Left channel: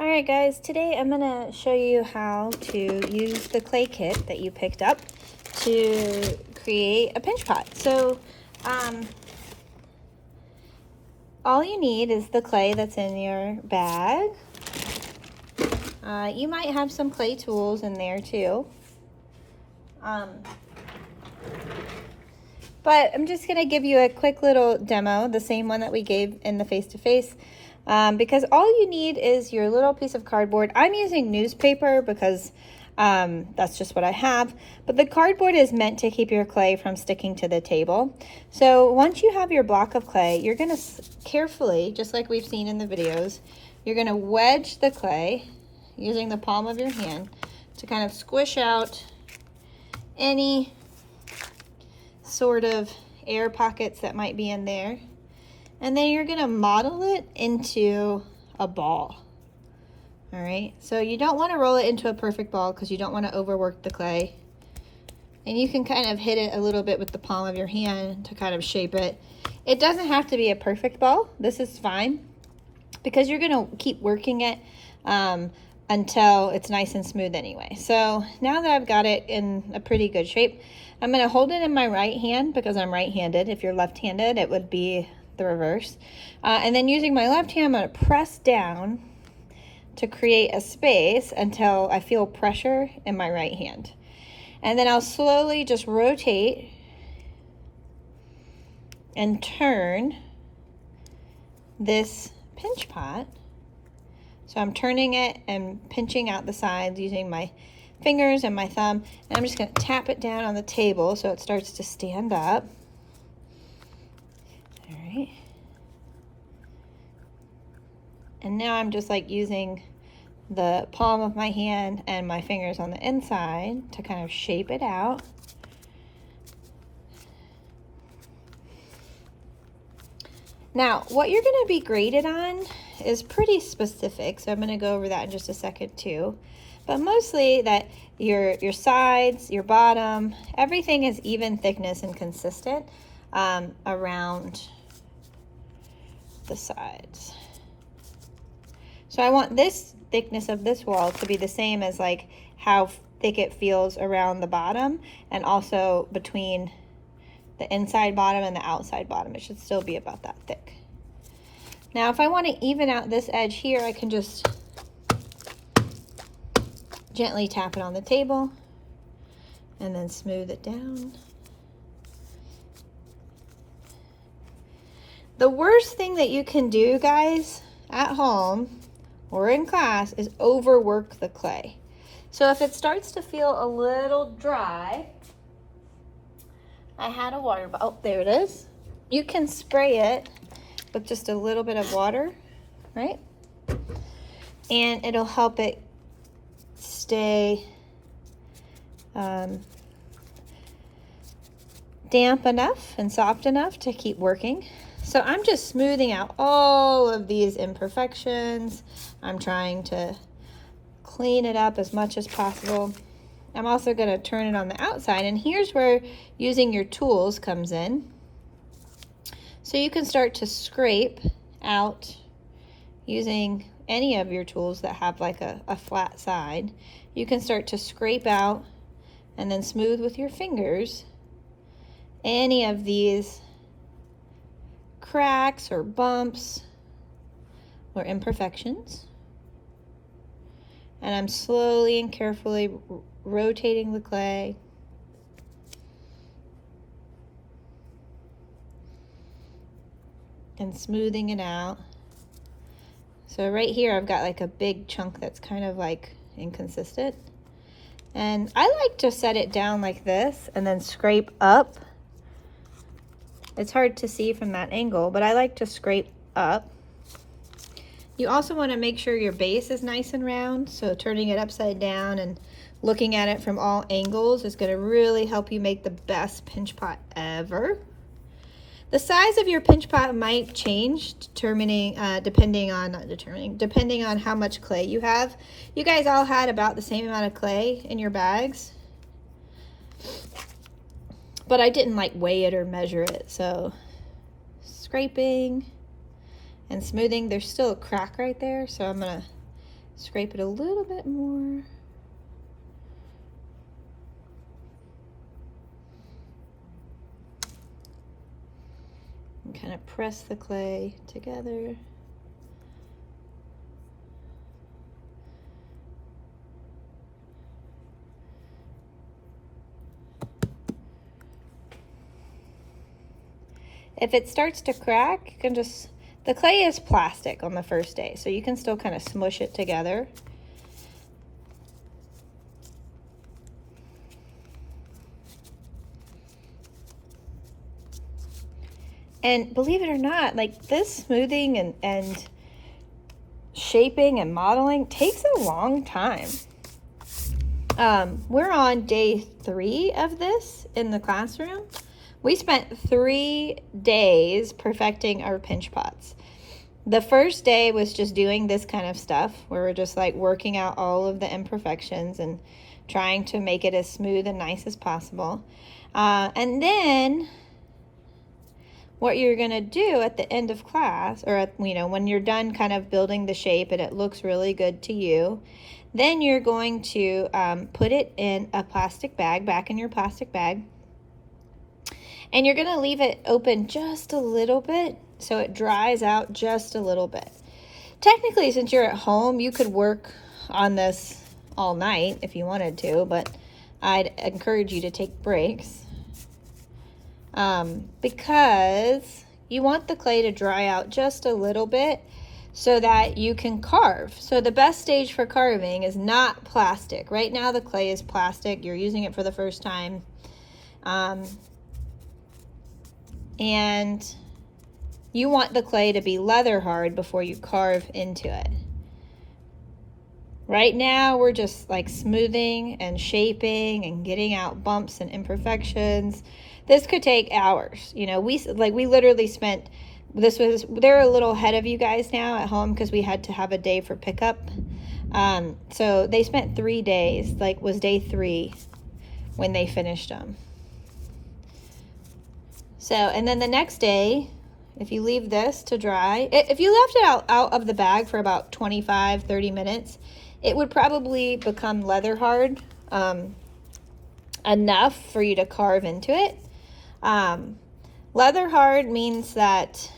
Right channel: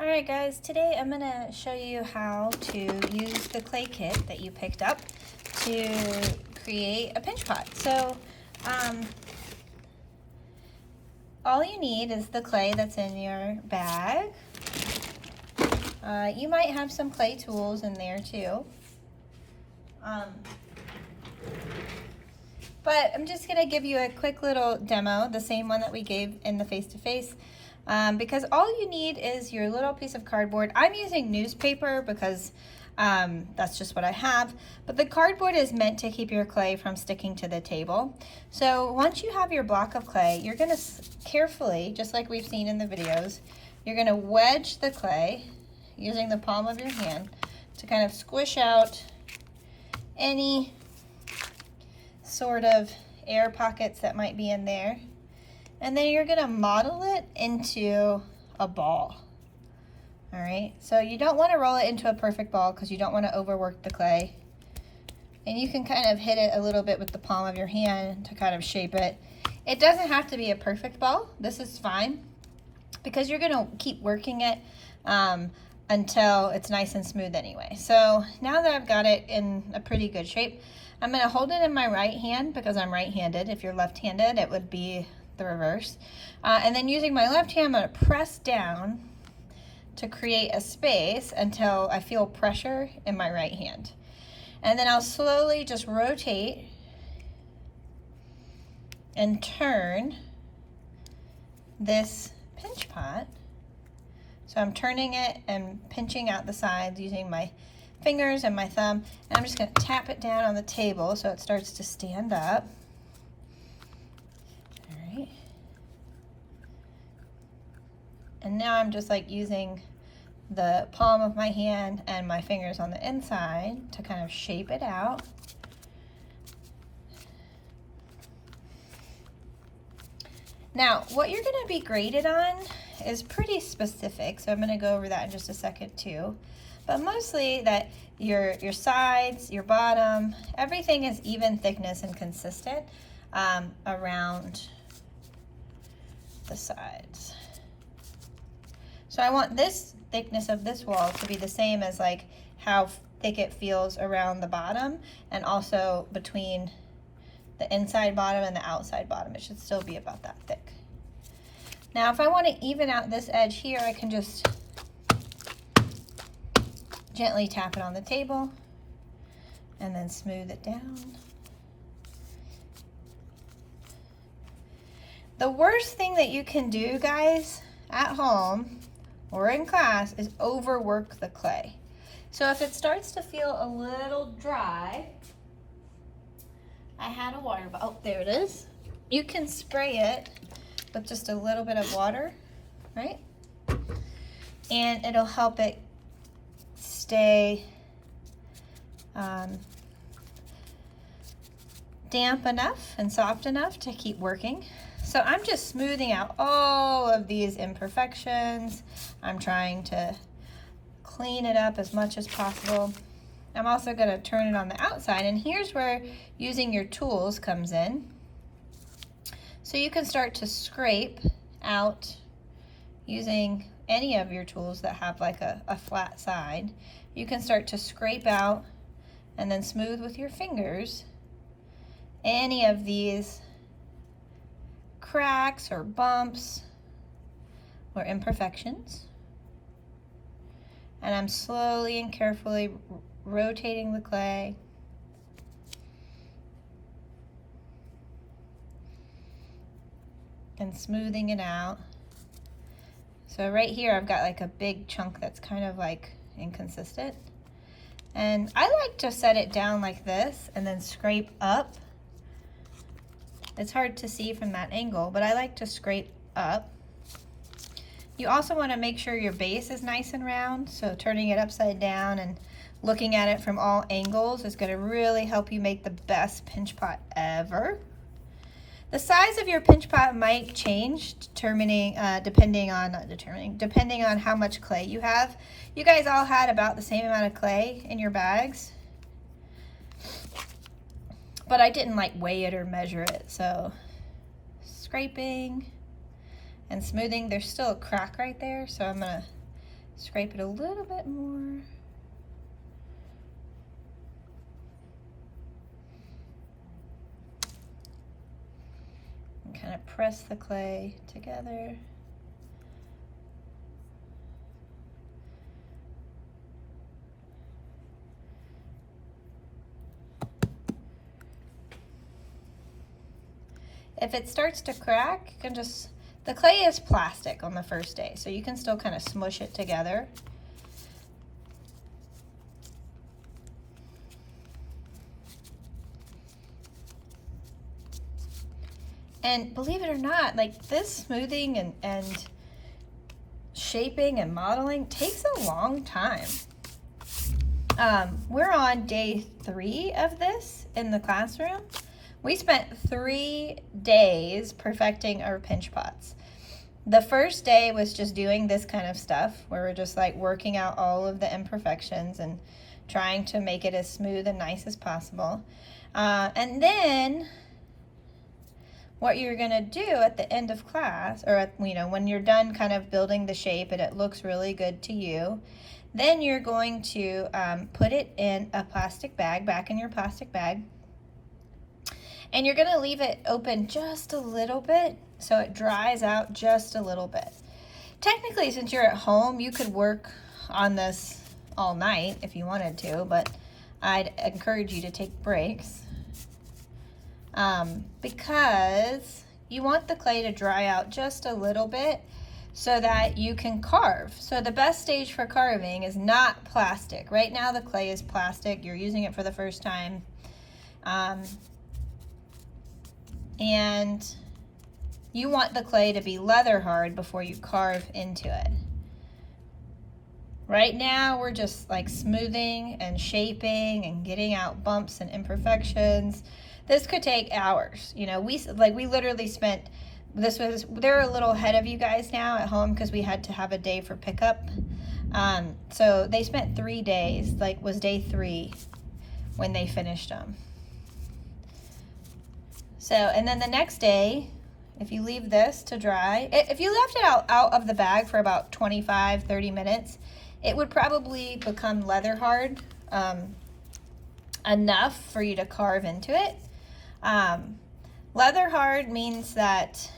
Alright guys, today I'm going to show you how to use the clay kit that you picked up to create a pinch pot. So all you need is the clay that's in your bag. You might have some clay tools in there too. But I'm just going to give you a quick little demo, the same one that we gave in the face-to-face. Because all you need is your little piece of cardboard. I'm using newspaper because that's just what I have. But the cardboard is meant to keep your clay from sticking to the table. So once you have your block of clay, you're going to carefully, just like we've seen in the videos, you're going to wedge the clay using the palm of your hand to kind of squish out any sort of air pockets that might be in there. And then you're gonna model it into a ball. All right, so you don't wanna roll it into a perfect ball because you don't wanna overwork the clay. And you can kind of hit it a little bit with the palm of your hand to kind of shape it. It doesn't have to be a perfect ball. This is fine because you're gonna keep working it until it's nice and smooth anyway. So now that I've got it in a pretty good shape, I'm gonna hold it in my right hand because I'm right-handed. If you're left-handed, it would be the reverse. And then using my left hand, I'm going to press down to create a space until I feel pressure in my right hand. And then I'll slowly just rotate and turn this pinch pot. So I'm turning it and pinching out the sides using my fingers and my thumb. And I'm just going to tap it down on the table so it starts to stand up. And now I'm just like using the palm of my hand and my fingers on the inside to kind of shape it out. Now, what you're going to be graded on is pretty specific, so I'm going to go over that in just a second too. But mostly that your sides, your bottom, everything is even thickness and consistent around the sides. So I want this thickness of this wall to be the same as like how thick it feels around the bottom and also between the inside bottom and the outside bottom. It should still be about that thick. Now if I want to even out this edge here, I can just gently tap it on the table and then smooth it down. The worst thing that you can do, guys, at home or in class is overwork the clay. So if it starts to feel a little dry, I had a water bottle, oh, there it is. You can spray it with just a little bit of water, right? And it'll help it stay damp enough and soft enough to keep working. So I'm just smoothing out all of these imperfections. I'm trying to clean it up as much as possible. I'm also going to turn it on the outside, and here's where using your tools comes in. So you can start to scrape out using any of your tools that have like a flat side. You can start to scrape out and then smooth with your fingers any of these cracks or bumps or imperfections. And I'm slowly and carefully rotating the clay. And smoothing it out. So right here I've got like a big chunk that's kind of like inconsistent. And I like to set it down like this and then scrape up. It's hard to see from that angle, but I like to scrape up. You also want to make sure your base is nice and round, so turning it upside down and looking at it from all angles is going to really help you make the best pinch pot ever. The size of your pinch pot might change depending on how much clay you have. You guys all had about the same amount of clay in your bags, but I didn't like weigh it or measure it. So scraping and smoothing. There's still a crack right there, so I'm gonna scrape it a little bit more. And kind of press the clay together. If it starts to crack, you can just, the clay is plastic on the first day, so you can still kind of smush it together. And believe it or not, like this smoothing and shaping and modeling takes a long time. We're on day 3 of this in the classroom. We spent 3 days perfecting our pinch pots. The first day was just doing this kind of stuff where we're just like working out all of the imperfections and trying to make it as smooth and nice as possible. And then what you're gonna do at the end of class, or at, you know, when you're done kind of building the shape and it looks really good to you, then you're going to put it in a plastic bag, back in your plastic bag, and you're gonna leave it open just a little bit so it dries out just a little bit. Technically, since you're at home, you could work on this all night if you wanted to, but I'd encourage you to take breaks. Because you want the clay to dry out just a little bit so that you can carve. So the best stage for carving is not plastic. Right now the clay is plastic. You're using it for the first time. And you want the clay to be leather hard before you carve into it. Right now we're just like smoothing and shaping and getting out bumps and imperfections. This could take hours. You know, we literally spent, they're a little ahead of you guys now at home because we had to have a day for pickup. So they spent 3 days, like was day 3 when they finished them. So, and then the next day, if you leave this to dry, if you left it out of the bag for about 25-30 minutes, it would probably become leather hard enough for you to carve into it. Leather hard means that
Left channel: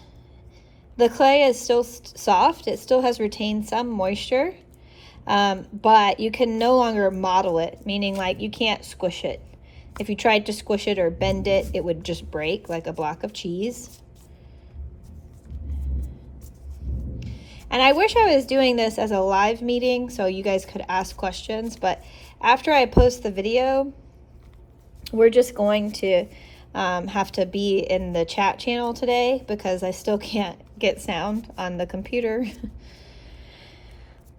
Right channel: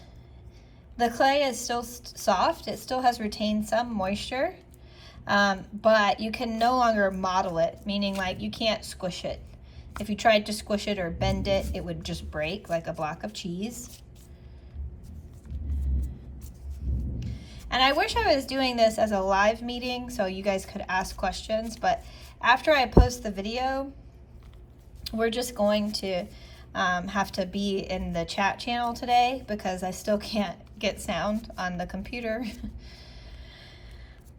the clay is still soft. It still has retained some moisture, but you can no longer model it, meaning like you can't squish it. If you tried to squish it or bend it, it would just break like a block of cheese. And I wish I was doing this as a live meeting so you guys could ask questions, but after I post the video, we're just going to have to be in the chat channel today because I still can't get sound on the computer,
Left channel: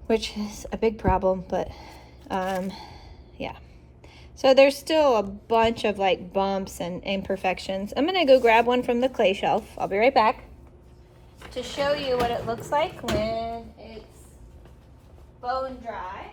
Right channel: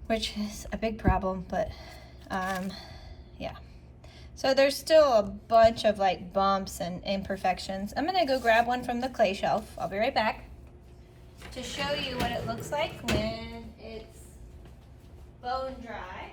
which is a big problem, but yeah. So there's still a bunch of like bumps and imperfections. I'm gonna go grab one from the clay shelf. I'll be right back to show you what it looks like when it's bone dry.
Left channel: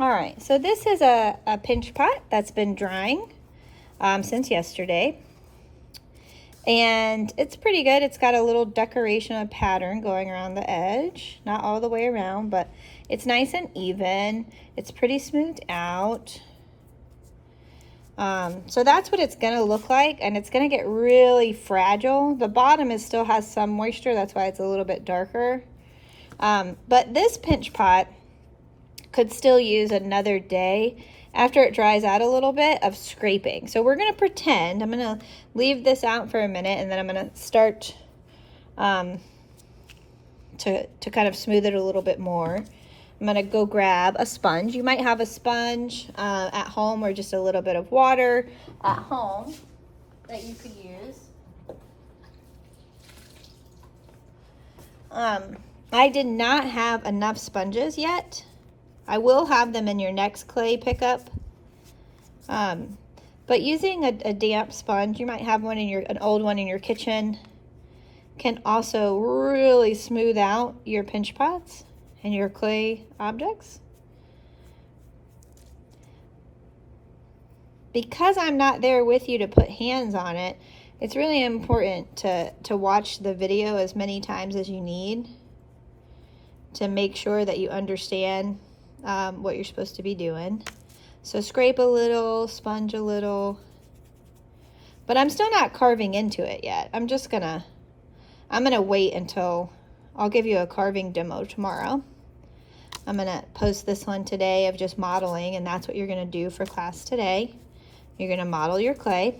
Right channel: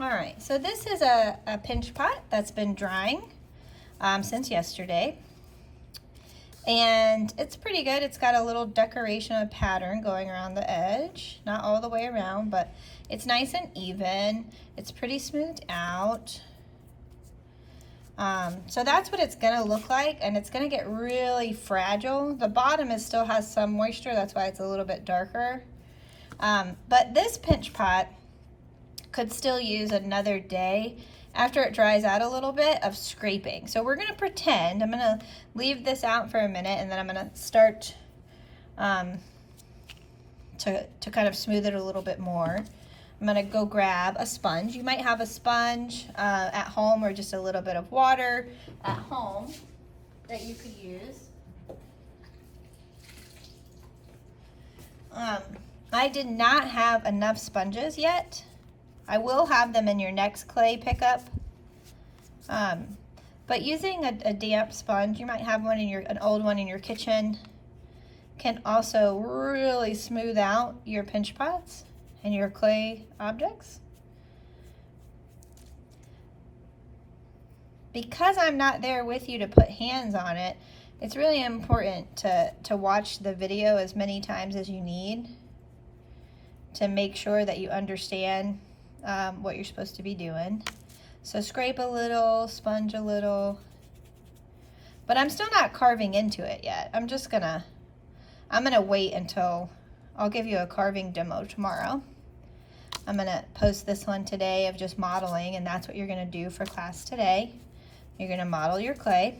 All right, so this is a pinch pot that's been drying since yesterday. And it's pretty good. It's got a little decoration, a pattern going around the edge. Not all the way around, but it's nice and even. It's pretty smoothed out. So that's what it's gonna look like, and it's gonna get really fragile. The bottom still has some moisture, that's why it's a little bit darker. But this pinch pot could still use another day after it dries out a little bit of scraping. So we're gonna pretend, I'm gonna leave this out for a minute and then I'm gonna start to kind of smooth it a little bit more. I'm gonna go grab a sponge. You might have a sponge at home or just a little bit of water at home that you could use. I did not have enough sponges yet. I will have them in your next clay pickup. But using a damp sponge, you might have one in an old one in your kitchen, can also really smooth out your pinch pots and your clay objects. because I'm not there with you to put hands on it, it's really important to watch the video as many times as you need to make sure that you understand what you're supposed to be doing. So scrape a little, sponge a little, but I'm still not carving into it yet. I'm gonna wait until, I'll give you a carving demo tomorrow. I'm gonna post this one today of just modeling, and that's what you're gonna do for class today. You're gonna model your clay.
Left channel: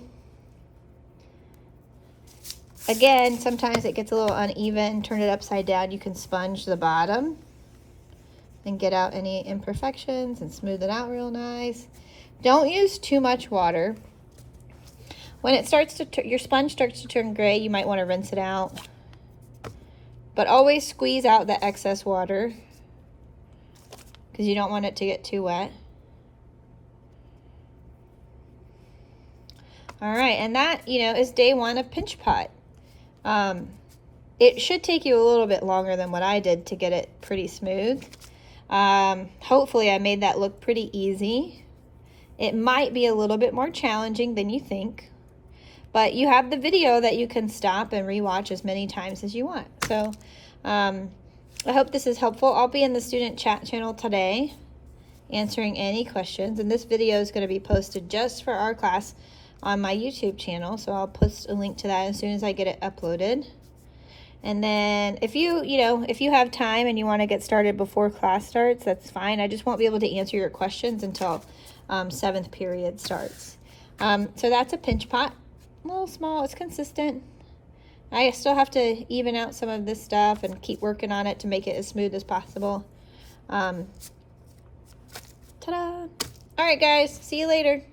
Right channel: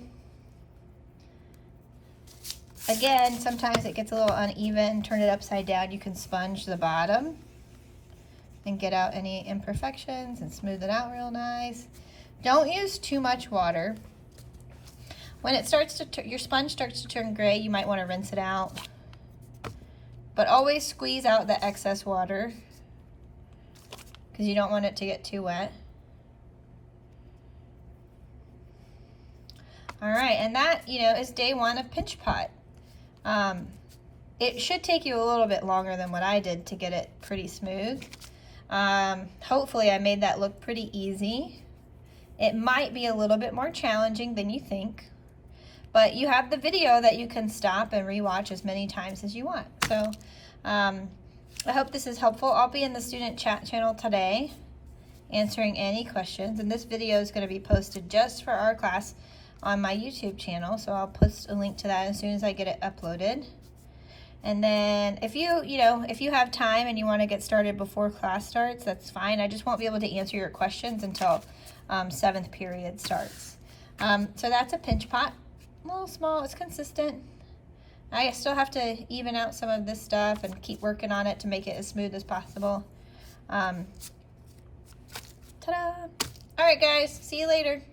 Again, sometimes it gets a little uneven. Turn it upside down. You can sponge the bottom and get out any imperfections and smooth it out real nice. Don't use too much water. When it starts to your sponge starts to turn gray, you might want to rinse it out. But always squeeze out the excess water because you don't want it to get too wet. All right, and that, is day one of Pinch Pot. It should take you a little bit longer than what I did to get it pretty smooth. Hopefully I made that look pretty easy. It might be a little bit more challenging than you think, but you have the video that you can stop and rewatch as many times as you want. So I hope this is helpful. I'll be in the student chat channel today answering any questions, and this video is going to be posted just for our class on my YouTube channel, so I'll post a link to that as soon as I get it uploaded. And then if you have time and you want to get started before class starts, that's fine. I just won't be able to answer your questions until 7th period starts. So that's a Pinch Pot. A little small, it's consistent. I still have to even out some of this stuff and keep working on it to make it as smooth as possible. Ta-da! All right, guys, see you later.